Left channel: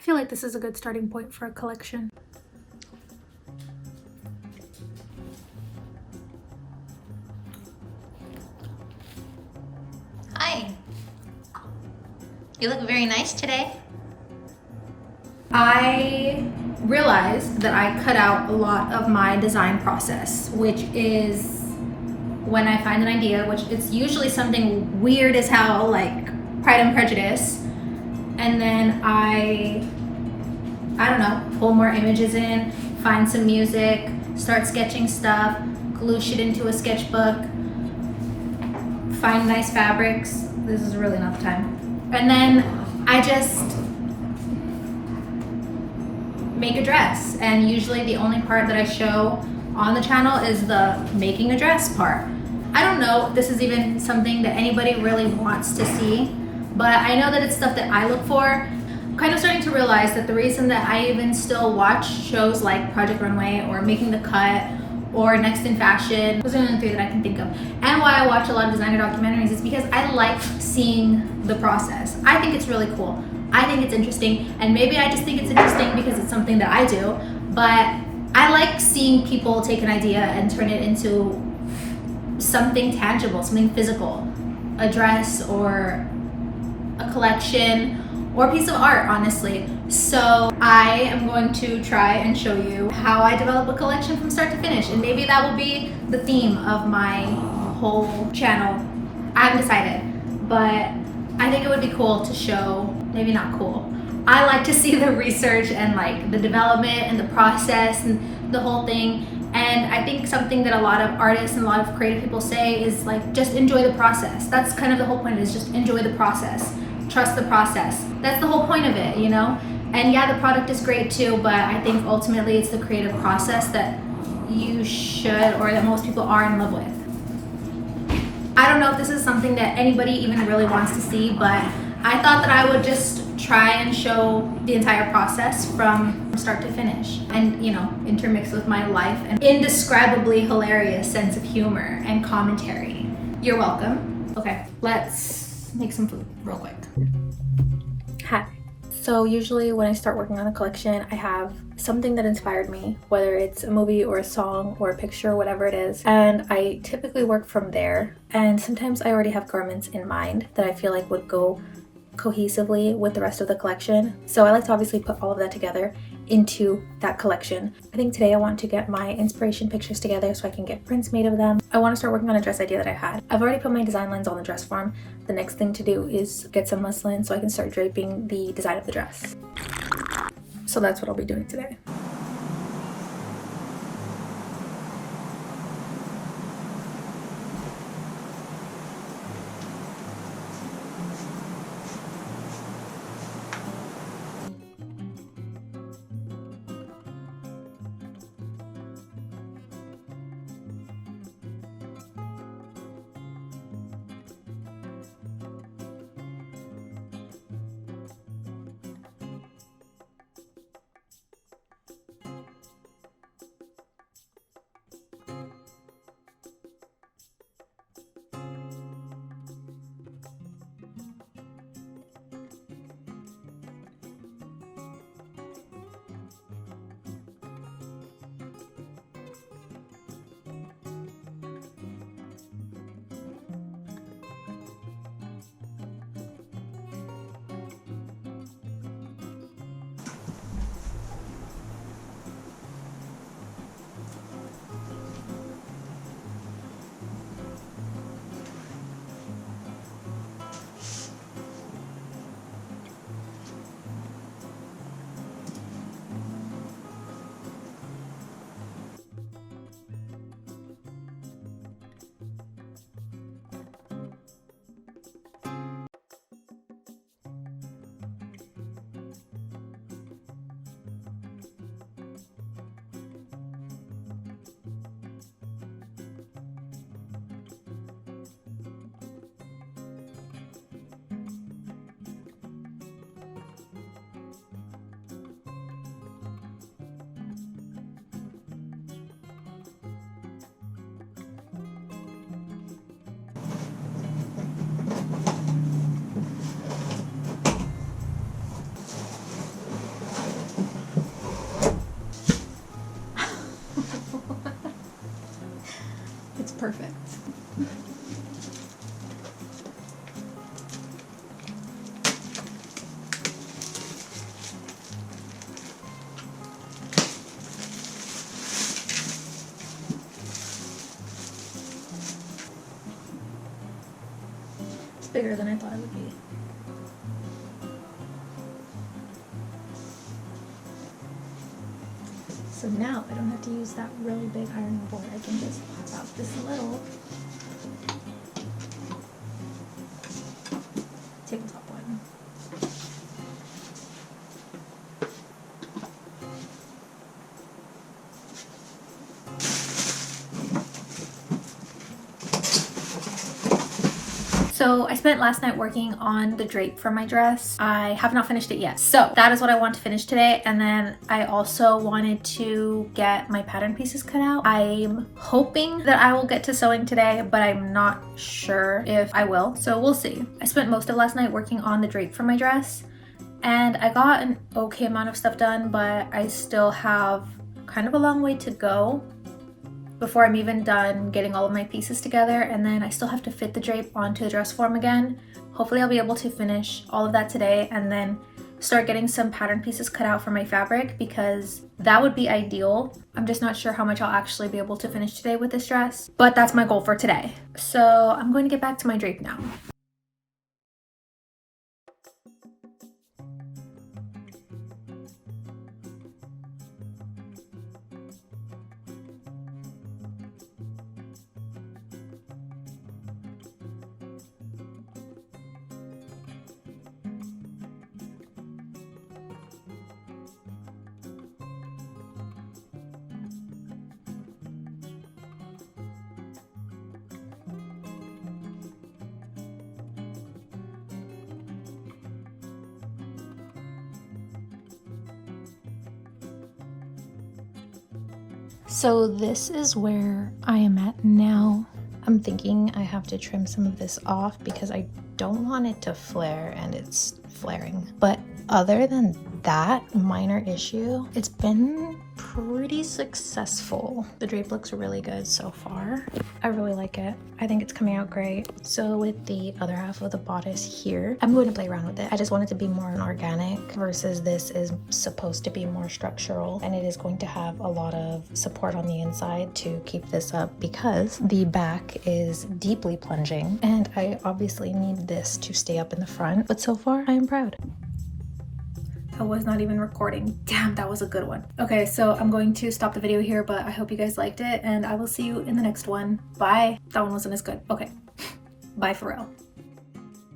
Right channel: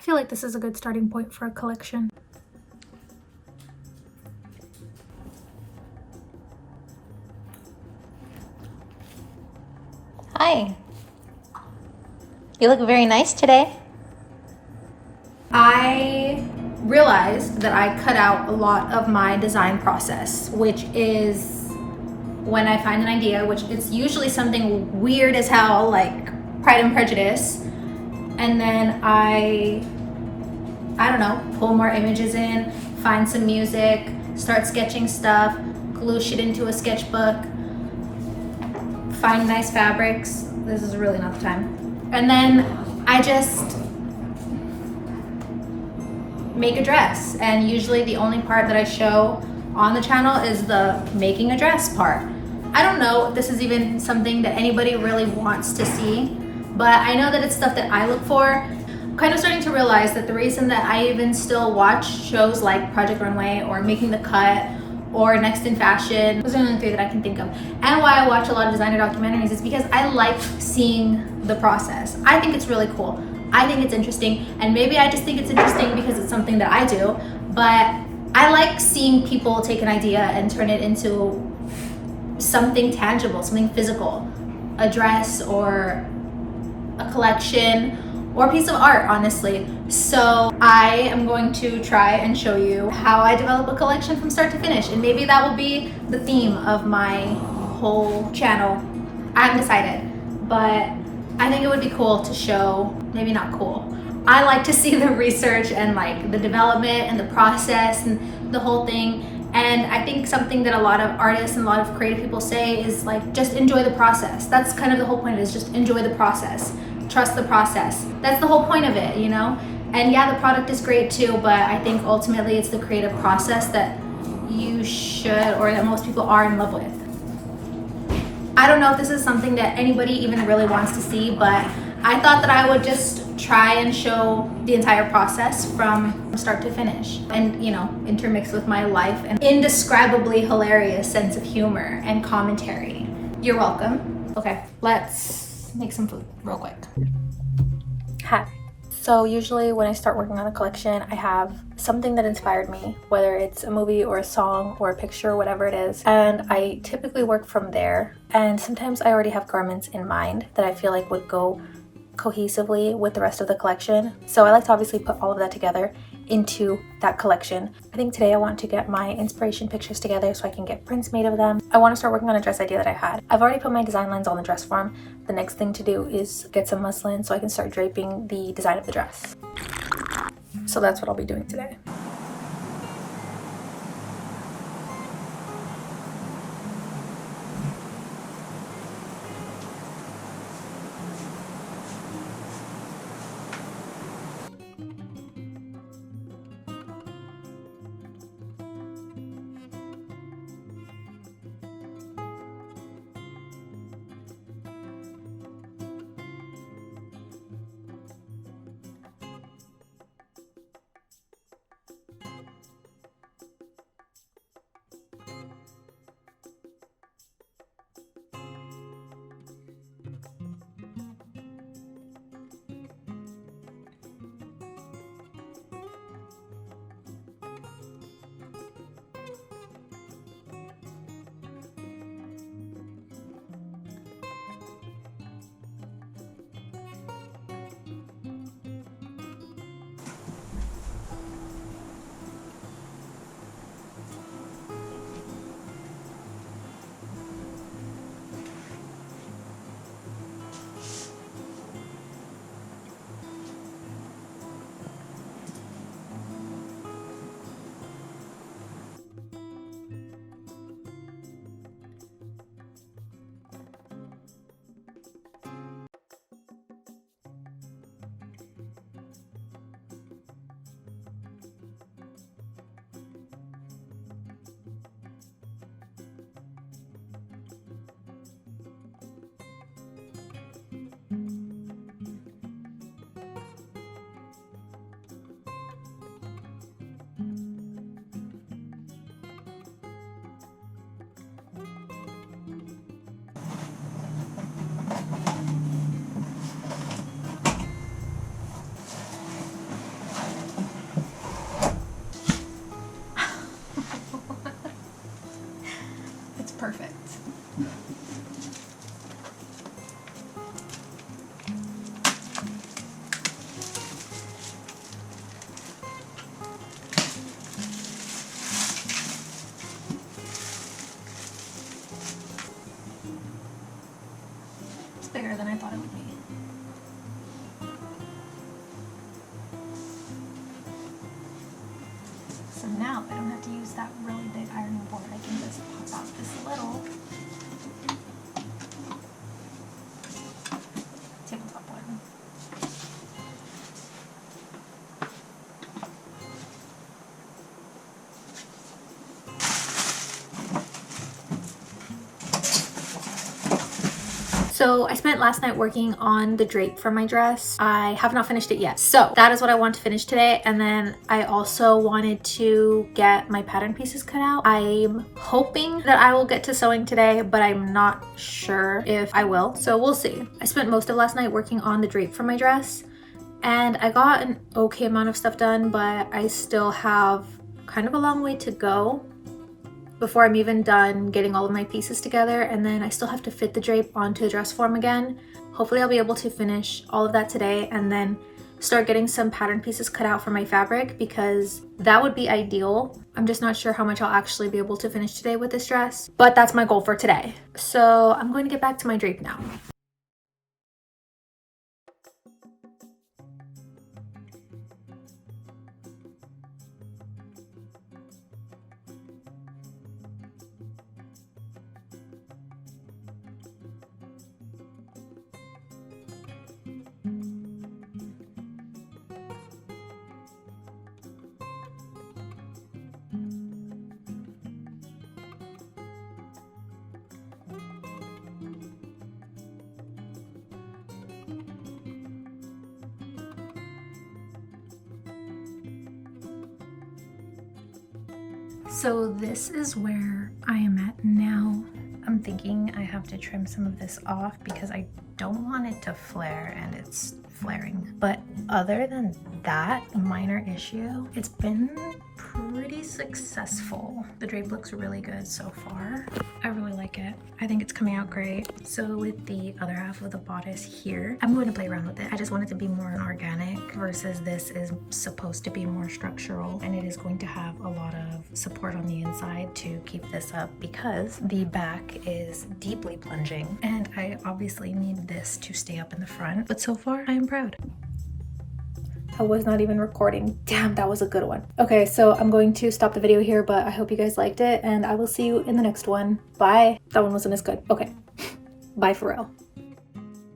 I feel like this is a good starting point for a collection. Hi. You look very nice today. I realized that I cut out a lot of my design process, which is when I find an idea, which it's usually something weird as hell, like Pride and Prejudice, and then I don't know, pull more images in, find some music, start sketching stuff, glue shit into a sketchbook, find nice fabrics. This is really not the time. And then I just make a dress, and usually the only part that I show on the channel is the making a dress part. I don't know if this is even something that anybody really wants to see, but I know that it's stuff that I look for. I'm kind of starting to realize that the reason that I even still watch shows like Project Runway or Making the Cut or Next in Fashion, those are the only three that I can think of, and why I watch a lot of designer documentaries is because I like seeing the process. I think it's really cool. I think it's interesting, and maybe I just think it's interesting because it's something that I do, but I like seeing people take an idea and turn it into something tangible, something physical, a dress or a collection or a piece of art, honestly. So I am going to try and show you how I develop a collection from start to finish, and maybe that will be the theme of my whole channel. I haven't decided, but I think it would be cool to show, maybe not cool. I like to see the research and like the development and the process and the whole thing. And I think something that a lot of artists and a lot of creative people say is like, just enjoy the process. That's kind of the whole point of it, is just enjoy the process. Trust the process. That's the whole point of it, you know? And yeah, the product is great too, but I think ultimately it's the creative process that you should, or that most people are in love with. I don't know if this is something that anybody even really wants to see, but I thought that I would just try and show the entire process from start to finish, and you know, intermix with my life and indescribably hilarious sense of humor and commentary. You're welcome. Okay, let's make some food real quick. Hi. So usually when I start working on a collection, I have something that inspired me, whether it's a movie or a song or a picture, whatever it is, and I typically work from there. And sometimes I already have garments in mind that I feel like would go cohesively with the rest of the collection. So I like to obviously put all of that together into that collection. I think today I want to get my inspiration pictures together so I can get prints made of them. I want to start working on a dress idea that I had. I've already put my design lines on the dress form. The next thing to do is get some muslin so I can start draping the design of the dress. So that's what I'll be doing today. It's bigger than I thought it would be. So now I don't have to use that really big ironing board. I can just pop out this little tabletop one. So I spent last night working on the drape for my dress. I have not finished it yet. So that is what I want to finish today. And then I also wanted to get my pattern pieces cut out. I'm hoping that I will get to sewing today, but I'm not sure if I will. So we'll see. I spent most of last night working on the drape for my dress and I got an okay amount of stuff done, but I still have kind of a long way to go before I'm even done getting all of my pieces together, and then I still have to fit the drape onto the dress form again. Hopefully I'll be able to finish all of that today and then start getting some pattern pieces cut out for my fabric, because that would be ideal. I'm just not sure how much I'll actually be able to finish today with this dress, but that's my goal for today. So I'm going to get back to my drape now. So this is where I am at now. I'm thinking I have to trim some of this off because I don't want it to flare and it's flaring. But other than that minor issue, it's been pretty successful. The drape looks really good so far. I really like it. I think it's coming out great. So with the other half of the bodice here, I'm going to play around with it. I just want it to be more an organic versus this is supposed to be more structural, and it is going to have a lot of support on the inside to keep this up because the back is deeply plunging and I obviously need this to stay up in the front. But so far I am proud. I was not even recording. Damn, that was a good one. Okay, so I'm going to stop the video here, but I hope you guys liked it and I will see you in the next one. Bye. That one wasn't as good. Okay. Bye for real.